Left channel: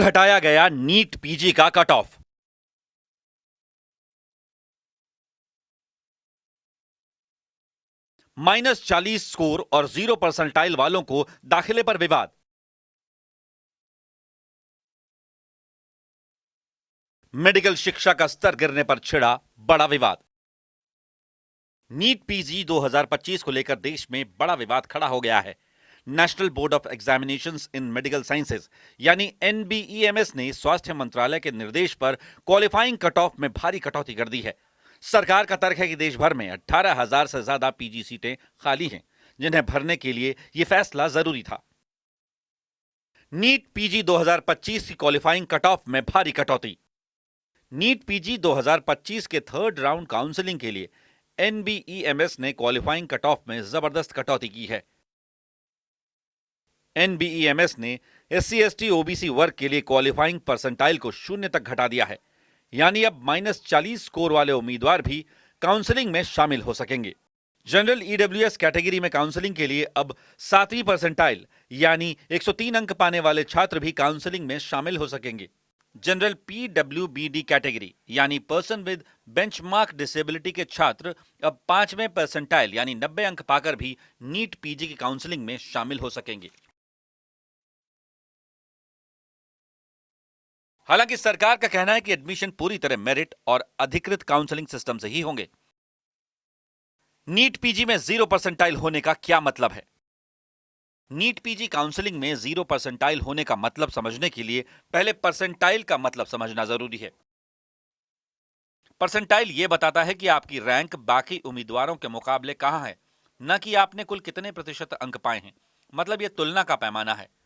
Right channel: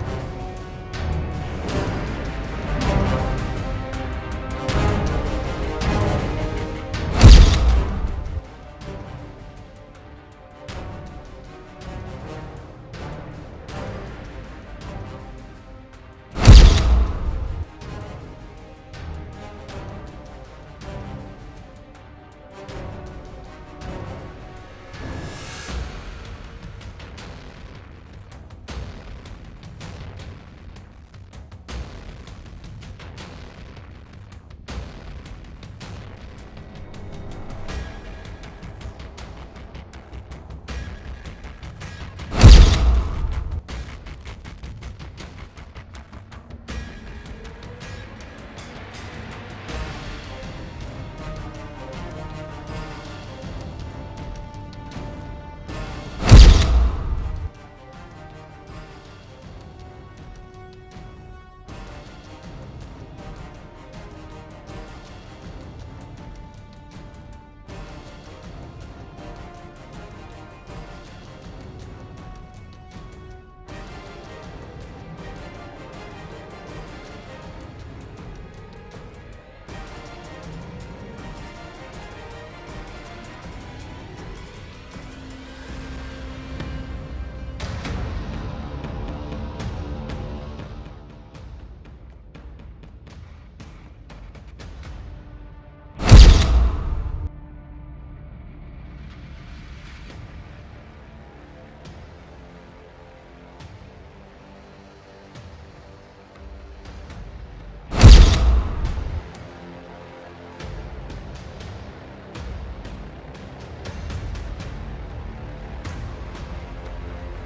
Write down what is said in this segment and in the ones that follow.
घटाया गया NEET PG का कट ऑफ? -40 स्कोर और 0 परसेंटाइल वालों को दाखिले पर विवाद। मेडिकल शिक्षा का स्तर गिरने पर छिड़ा बड़ा विवाद। नीट पीजी 2025 को लेकर देश में बड़ा विवाद खड़ा हो गया है। National board of examinations in medical sciences यानी NBEMS ने स्वास्थ्य मंत्रालय के निर्देश पर क्वालिफाइंग कट ऑफ में भारी कटौती कर दी है। सरकार का तर्क है कि देश भर में 18,000 से ज्यादा पीजी सीटें खाली हैं, जिन्हें भरने के लिए ये फैसला जरूरी था। नीट पीजी 2025 की क्वालिफाइंग कट ऑफ में भारी कटौती। नीट पीजी 2025 के थर्ड राउंड काउंसलिंग के लिए NBEMS ने क्वालिफाइंग कट ऑफ में जबरदस्त कटौती की है। NBEMS ने SC/ST OBC वर्ग के लिए क्वालिफाइंग परसेंटाइल को 0 तक घटा दिया है, यानी अब -40 स्कोर वाले उम्मीदवार भी काउंसलिंग में शामिल हो सकेंगे। जनरल EWS कैटेगरी में काउंसलिंग के लिए अब 7वीं परसेंटाइल यानी 103 अंक पाने वाले छात्र भी काउंसलिंग में शामिल हो सकेंगे। जनरल PWBD कैटेगरी यानी पर्सन विद बेंचमार्क डिसेबिलिटी के छात्र अब 5वें परसेंटाइल यानी 90 अंक पाकर भी नीट पीजी की काउंसलिंग में शामिल हो सकेंगे। हालांकि सरकार का कहना है कि एडमिशन पूरी तरह मेरिट और अधिकृत काउंसलिंग सिस्टम से ही होंगे। नीट पीजी में 0 परसेंटाइल होने का क्या मतलब है? नीट पीजी काउंसलिंग में 0 परसेंटाइल होने का मतलब समझने के लिए पहले परसेंटाइल का मतलब समझना जरूरी है। परसेंटाइल ये बताता है कि आपकी रैंक बाकी उम्मीदवारों के मुकाबले कहां है, न कि आपने कुल कितने प्रतिशत अंक पाए हैं। मतलब ये तुलना का पैमाना है।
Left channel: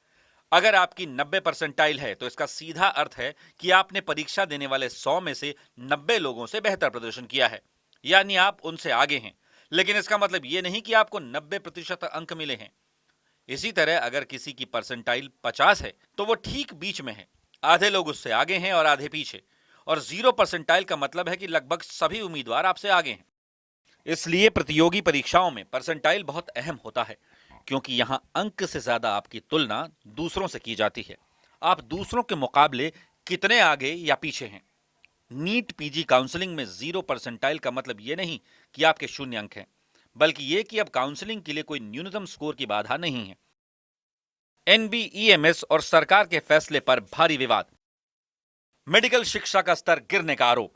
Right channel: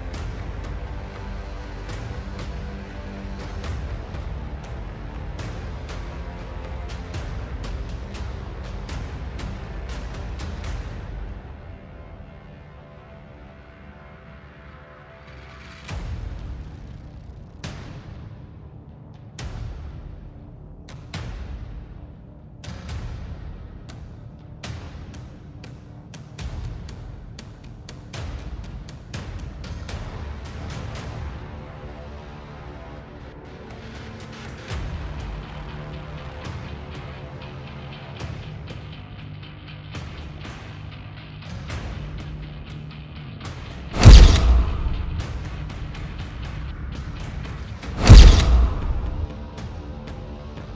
अगर आपकी 90 परसेंटाइल है तो इसका सीधा अर्थ है कि आपने परीक्षा देने वाले 100 में से 90 लोगों से बेहतर प्रदर्शन किया है, यानी आप उनसे आगे हैं। लेकिन इसका मतलब ये नहीं कि आपको 90% अंक मिले हैं। इसी तरह अगर किसी की परसेंटाइल 50 है तो वो ठीक बीच में है, आधे लोग उससे आगे हैं और आधे पीछे। और 0 परसेंटाइल का मतलब है कि लगभग सभी उम्मीदवार आपसे आगे हैं। इसलिए प्रतियोगी परीक्षाओं में परसेंटाइल बहुत अहम होता है, क्योंकि यहाँ अंक से ज्यादा आपकी तुलना दूसरों से की जाती है। आप दूसरों के मुकाबले कितने आगे या पीछे हैं। नीट पीजी काउंसलिंग में 0 परसेंटाइल का मतलब ये नहीं कि आपके 0 अंक हैं, बल्कि ये कि अब काउंसलिंग के लिए कोई न्यूनतम स्कोर की बाधा नहीं है। NBEMS और सरकार के फैसले पर भारी विवाद। मेडिकल शिक्षा का स्तर गिरने का आरोप।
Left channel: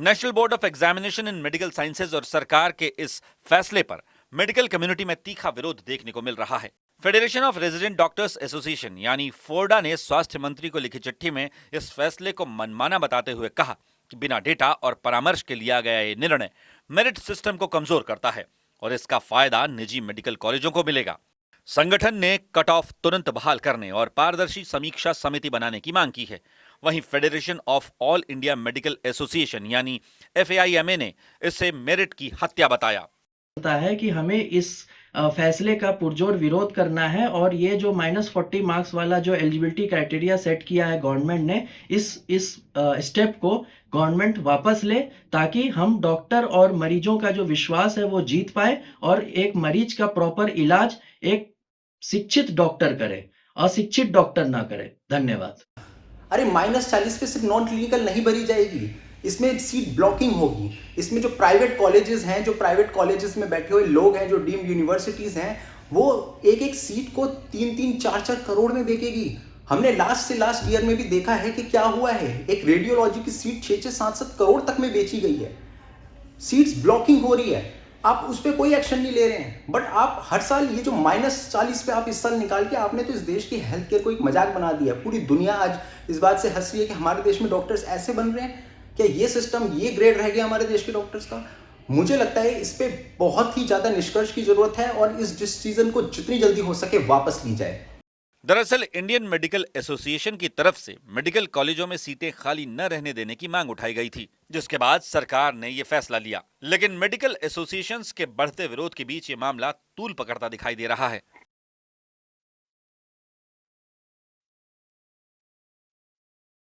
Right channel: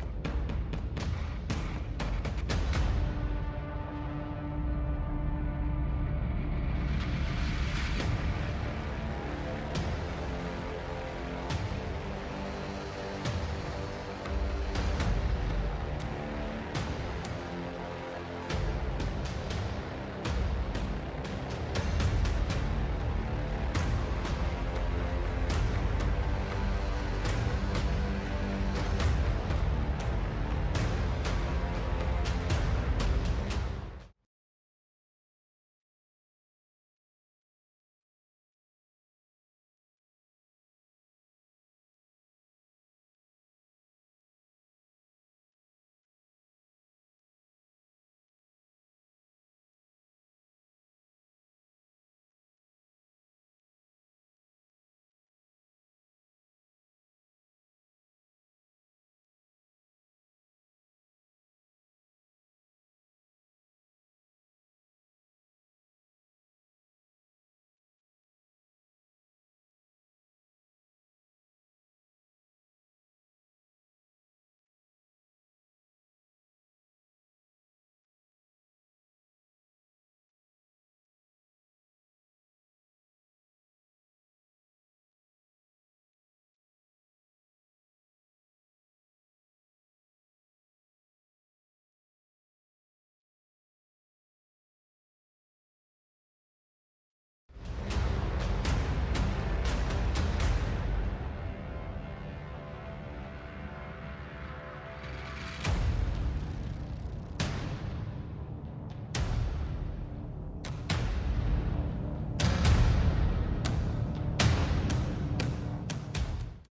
National board of examination in medical sciences और सरकार के इस फैसले पर मेडिकल कम्युनिटी में तीखा विरोध देखने को मिल रहा है। Federation of resident doctors association यानी फोर्डा ने स्वास्थ्य मंत्री को लिखी चिट्ठी में इस फैसले को मनमाना बताते हुए कहा कि बिना डेटा और परामर्श के लिया गया ये निर्णय मेरिट सिस्टम को कमजोर करता है और इसका फायदा निजी मेडिकल कॉलेजों को मिलेगा। संगठन ने कट ऑफ तुरंत बहाल करने और पारदर्शी समीक्षा समिति बनाने की मांग की है। वहीं federation of all India medical association यानी FAIMA ने इसे मेरिट की हत्या बताया। होता है कि हमें इस फैसले का पुरजोर विरोध करना है और ये जो -40 मार्क्स वाला जो एलिजिबिलिटी क्राइटेरिया सेट किया है गवर्नमेंट ने, इस स्टेप को गवर्नमेंट वापस ले, ताकि हम डॉक्टर और मरीजों का जो विश्वास है वो जीत पाए और एक मरीज का प्रॉपर इलाज एक शिक्षित डॉक्टर करे, अशिक्षित डॉक्टर ना करे। धन्यवाद। अरे -40 पे सिर्फ नॉन क्लिनिकल नहीं भरी जाएगी, इसमें सीट ब्लॉकिंग होगी। इसमें जो प्राइवेट कॉलेजेस हैं, जो प्राइवेट कॉलेजेस में बैठे हुए लोग हैं, जो डीम्ड यूनिवर्सिटीज़ हैं, वो एक सीट को 3-3, 4-4 करोड़ में बेचेगी। हमने लास्ट से लास्ट ईयर में भी देखा है कि क्या हुआ है। एक रेडियोलॉजी की सीट 6-6, 7-7 करोड़ तक में बेची गई है। सीट्स ब्लॉकिंग हो रही है, आप उस पर कोई एक्शन नहीं ले रहे हैं। बट आप हर साल ये जो -40 पे आप इस साल निकाल के आपने तो इस देश की हेल्थ केयर को एक मजाक बना दिया। पूरी दुनिया आज इस बात से हंस रही है कि हमारे देश में डॉक्टर्स ऐसे बन रहे हैं। क्या ये सिस्टम, ये ग्रेड रह गया हमारे देश के डॉक्टर्स का? मुझे लगता है इस पे बहुत ही ज्यादा निष्कर्ष की जरूरत है और इस डिसीजन को जितनी जल्दी हो सके वापस ली जाए। दरअसल इंडियन मेडिकल एसोसिएशन की तरफ से मेडिकल कॉलेजों में सीटें खाली न रहने देने की मांग उठाई गई थी, जिसके बाद सरकार ने ये फैसला लिया। लेकिन मेडिकल एसोसिएशंस के बढ़ते विरोध के बीच ये मामला तूल पकड़ता दिखाई दे रहा है।